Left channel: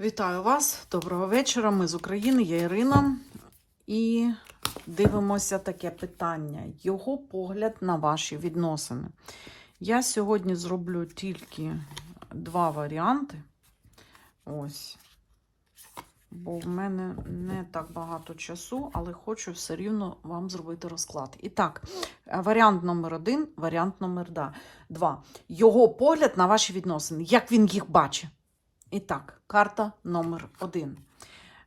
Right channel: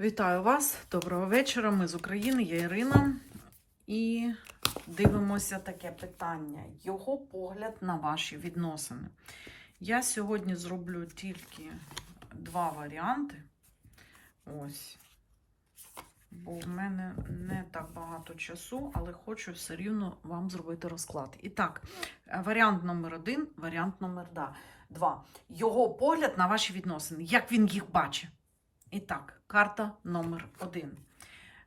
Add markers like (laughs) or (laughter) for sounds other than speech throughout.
Вітаю вас, доброго вечора. Ми з України, я Ірина. І дивимося таке питання: його погляд на ваші відносини. Я сьогодні зроблю тільки два варіанти. Ось. Бо в мене не так багато часу, але хочу все рівно вам зробити розклад. І так, варіант номер один, варіант номер два. Його погляд на ваші відносини, як він їх бачить. І так, карта номер один.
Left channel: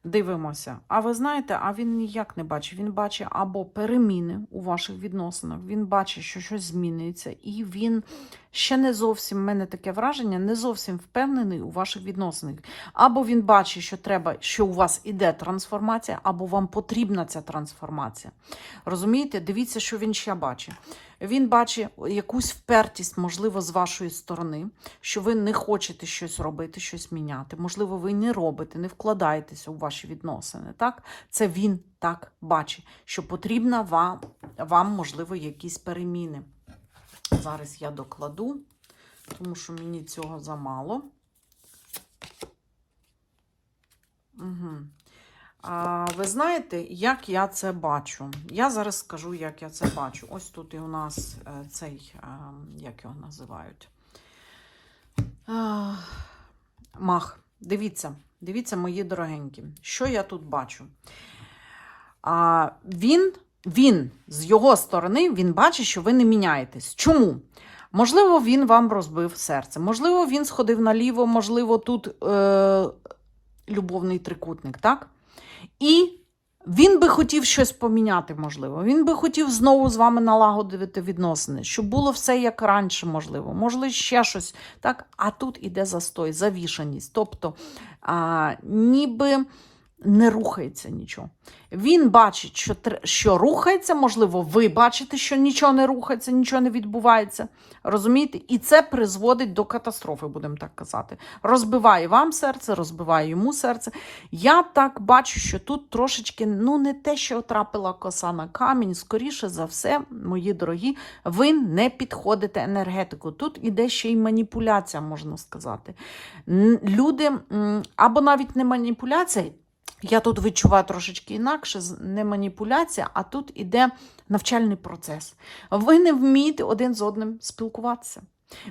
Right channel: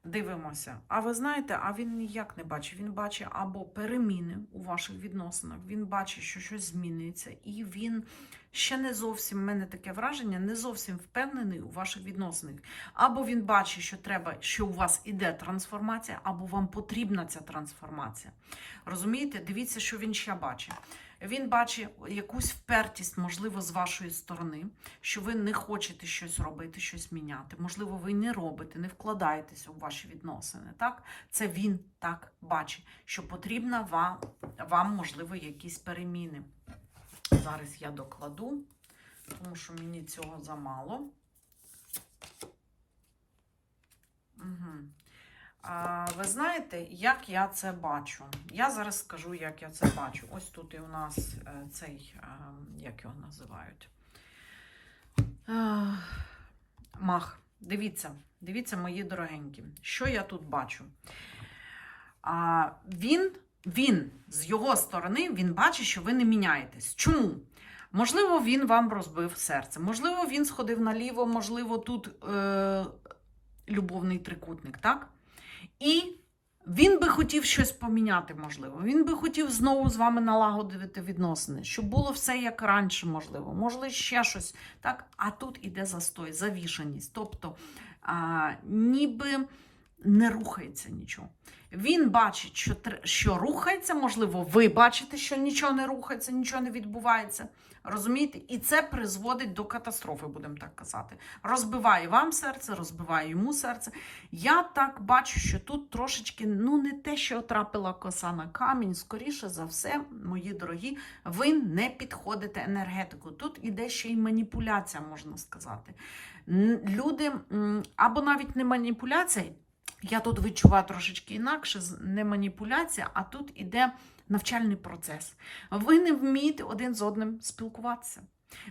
Дивимося. А ви знаєте, а він ніяк не бачить. Він бачить або переміни у ваших відносинах, він бачить, що щось змінюється, і він ще не зовсім, в мене таке враження, не зовсім впевнений у ваших відносинах. Або він бачить, що треба, що у вас іде трансформація, або вам потрібна ця трансформація. Розумієте? Дивіться, що він ще бачить. Він бачить якусь впертість, можливо, з вашої сторони, що ви не хочете щось робити, щось міняти. Можливо, ви не робите, не вкладаєтеся у ваші відносини. Так? Це він так бачить, що потрібно вам, вам можливо, якісь переміни. Зараз я докладу, тому що мені цього замало. Угу. А, ви знаєте, як я це бачу? Я зараз скажу, як я це бачу. Ось тут і у нас е, цей, е, як його називають? Мах. Дивіться, дивіться, мої дорогенькі, що я тут бачу. А, він, він з його сторони, він бачить, що ви не міняєтесь. Чому? Можливо, він вам розбив серце. Можливо, він сходив наліво, можливо, тут е, любовний трикутник, так? І він би хотів щось поміняти, можливо. Він би хотів знову з вами налагодити відносини, щоб було все як раніше, можливо, можливо, ще щось. Так? А тут іде застой, завішаність. Тобто, а, ніби не рухається нічого. Він бачить, що, що рухається, можливо, ви бачите, що нічого не рухається, нічого не відбувається. Розумієте? І це призводить до катастрофи, будемо так казати. Розбиває вам серце, розбиває йому серце. Я так бачу, що тут трошечки, ну, не те, що трапила коса на камінь, скоріше за все, мої дорогі, ви не підходите енергетику. Тут іде ще й маніпуляція, можна сказати. Люди, або навіть не маніпуляція, я тут відчуваю трошечки інакше, не маніпуляція, а тут іде навчальний процес. Ви не вмієте один з одним спілкуватися.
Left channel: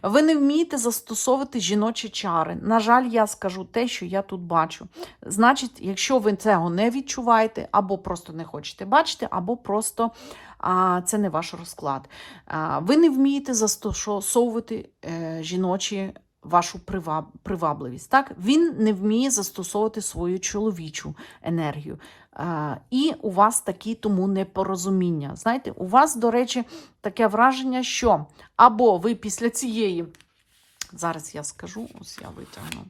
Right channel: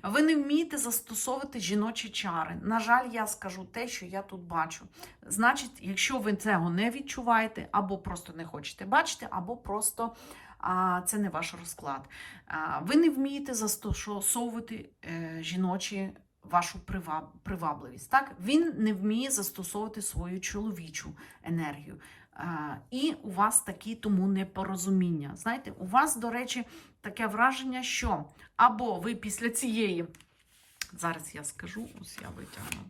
Ви не вмієте застосовувати жіночі чари. На жаль, я скажу те, що я тут бачу. Значить, якщо ви цього не відчуваєте, або просто не хочете бачити, або просто а, це не ваш розклад. А, ви не вмієте застосовувати е, жіночі вашу приваб, привабливість. Так? Він не вміє застосовувати свою чоловічу енергію. А, і у вас такі тому непорозуміння. Знаєте, у вас, до речі, таке враження, що або ви після цієї, зараз я скажу, ось я витягну.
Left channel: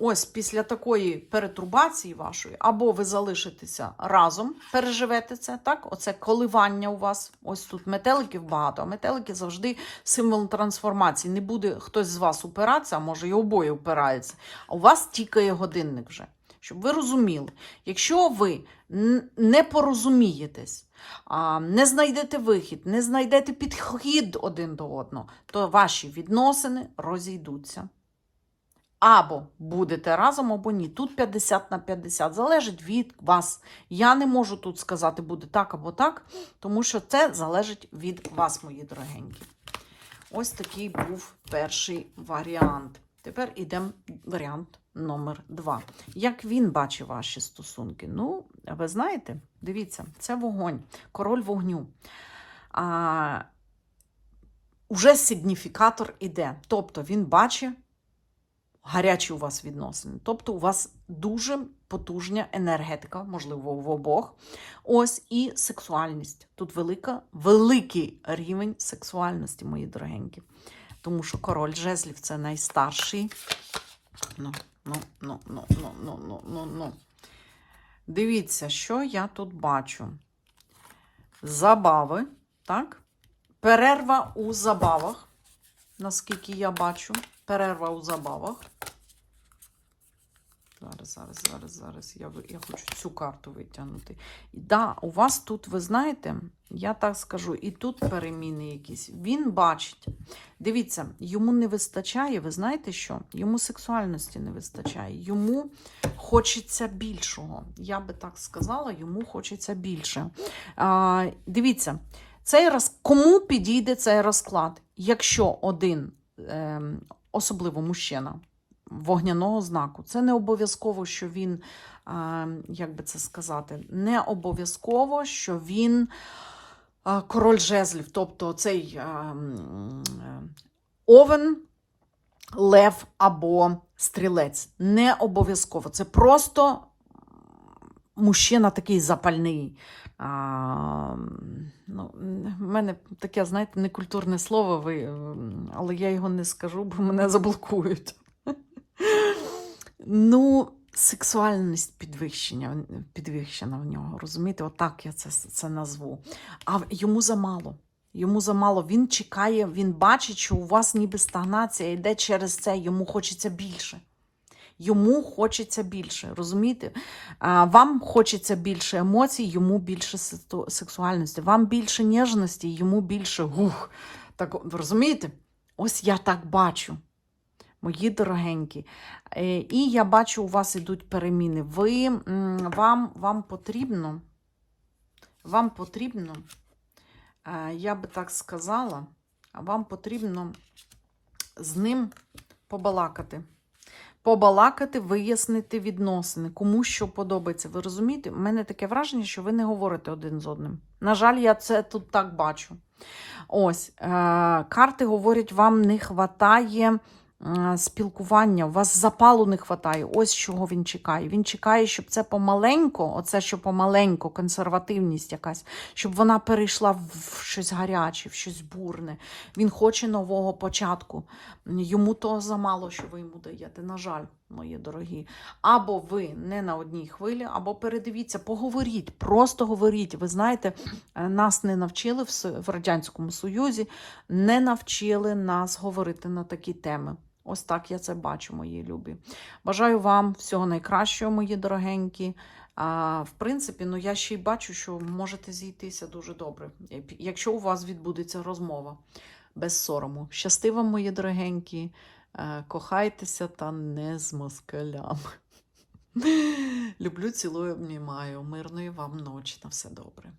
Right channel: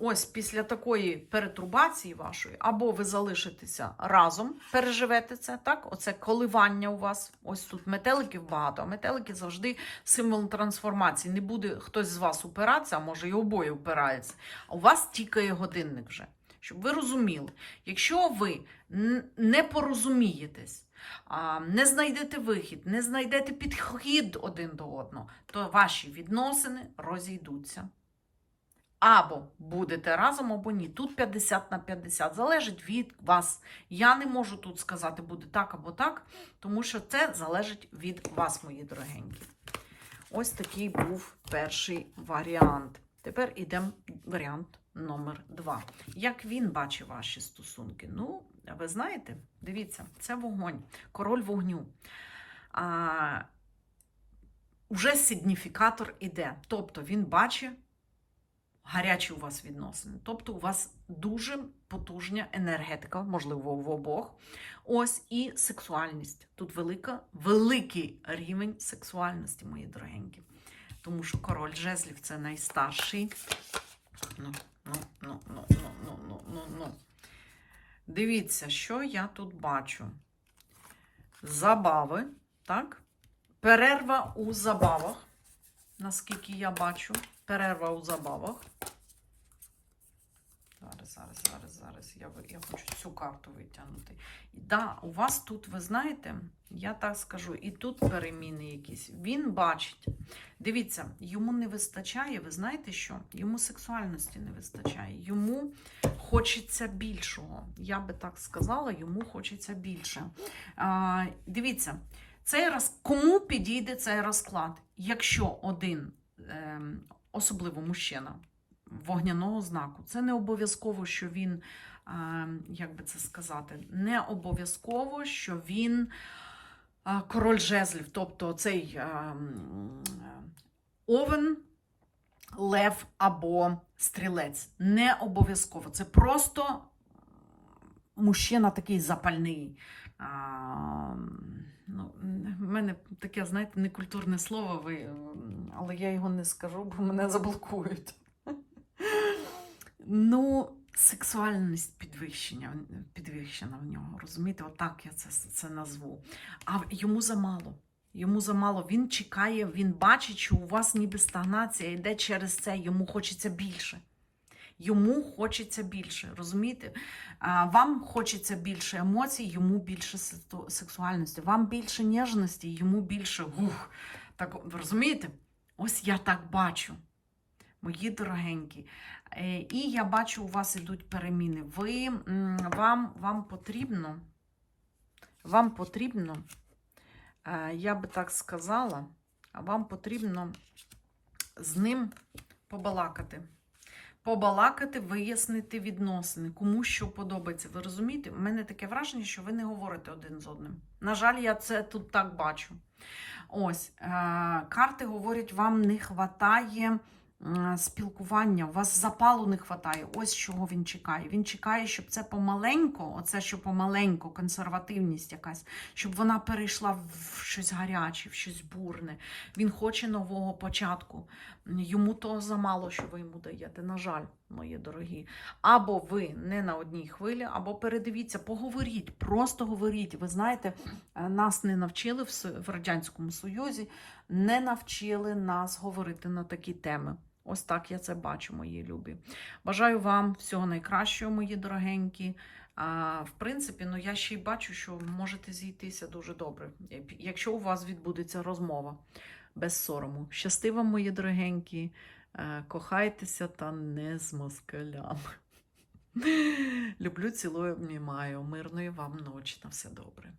Ось після такої перетрубації вашої, або ви залишитеся разом, переживете це, так? Оце коливання у вас. Ось тут метеликів багато, а метелики завжди символ трансформації. Не буде хтось з вас упиратися, а може і обоє упираються. А у вас тікає годинник вже. Щоб ви розуміли, якщо ви не порозумієтесь, не знайдете вихід, не знайдете підхід один до одного, то ваші відносини розійдуться. Або будете разом, або ні. Тут 50 на 50. Залежить від вас. Я не можу тут сказати, буде так або так, тому що це залежить від вас, мої дорогенькі. Ось такий був перший варіант. Тепер йдемо варіант номер два. Як він бачить ваші стосунки? Ну, ви знаєте, дивіться, це вогонь, король вогню. А, уже сигніфікатор іде. Тобто він бачить гарячі у вас відносини. Тобто у вас дуже потужна енергетика, можливо, в обох. Ось і сексуальність. Тут велика, великий рівень сексуальності, мої дорогенькі. Тому що король жезлів це найстарший. Ну, ну, ну, ну, ну, ну, ну, ну, ну. Дивіться, що я тут бачу. Забави, так? Перерва у забавах, наскільки я бачу. Перерва у забавах. Зараз зараз, зараз, зараз. Я, я хочу цю карту витягнути. І да, у вас тут, ви знаєте, я так скажу, і тут переміни якісь. Він бачить. Дивіться, йому не вистачає, ви знаєте що? Йому сексуальності не вистачає. Йому хочеться більшого. Я би так сказала, йому хочеться більше. А, дивіться, цей роз... кому підійде цей розклад? Якщо один, ем, особливо мужчина, вогняного знаку, це не обов'язково, що він, як би це сказати, не обов'язково, що він король жезлів, тобто цей овен, лев або стрілець. Не обов'язково. Це просто мужчина такий запальний. А, ну, в мене таке, знаєте, некультурне слово, ви, але я його не скажу, бо мене заблокують. (laughs) Ну, сексуальність підвищення, підвищена в нього, розумієте? Отак я це, це назву. А йому замало. Йому замало. Він чекає, він бачить, що у вас ніби стагнація йде через це, йому хочеться більше. Йому хочеться більше, розумієте? Вам хочеться більше емоцій, йому більше сексуальності, вам більше ніжності, йому більше гух. Так, розумієте? Ось я так бачу, мої дорогенькі. Е, І я бачу, у вас ідуть переміни. Ви, вам, вам потрібно, вам потрібно, е, я би так сказала, вам потрібно з ним побалакати побалакати, вияснити відносини, кому що подобається. Ви розумієте? У мене таке враження, що ви не говорите один з одним. На жаль, я це тут так бачу. Ось, е- карти говорять, вам не вистачає спілкування, у вас запалу не вистачає. Ось чого він чекає. Він чекає, щоб це помаленько, оце що помаленько, консервативність якась, щоб вона перейшла в щось гаряче, в щось бурне. Він хоче нового початку. Йому того замало, що ви йому даєте. На жаль, мої дорогі. Або ви не на одній хвилі, або передивіться, поговоріть, просто говоріть. Ви знаєте, е, нас не навчили в Радянському Союзі, не навчили нас говорити на такі теми. Ось так я це бачу, мої любі. Бажаю вам всього найкращого, мої дорогенькі. А, в принципі, ну я ще й бачу, що можете зійтися дуже добре, якщо у вас відбудеться розмова без сорому. Щасти вам, мої дорогенькі, Е, кохайтеся та не з москалями. (laughs) Люблю, цілую, обнімаю. Мирної вам ночі. На все добре.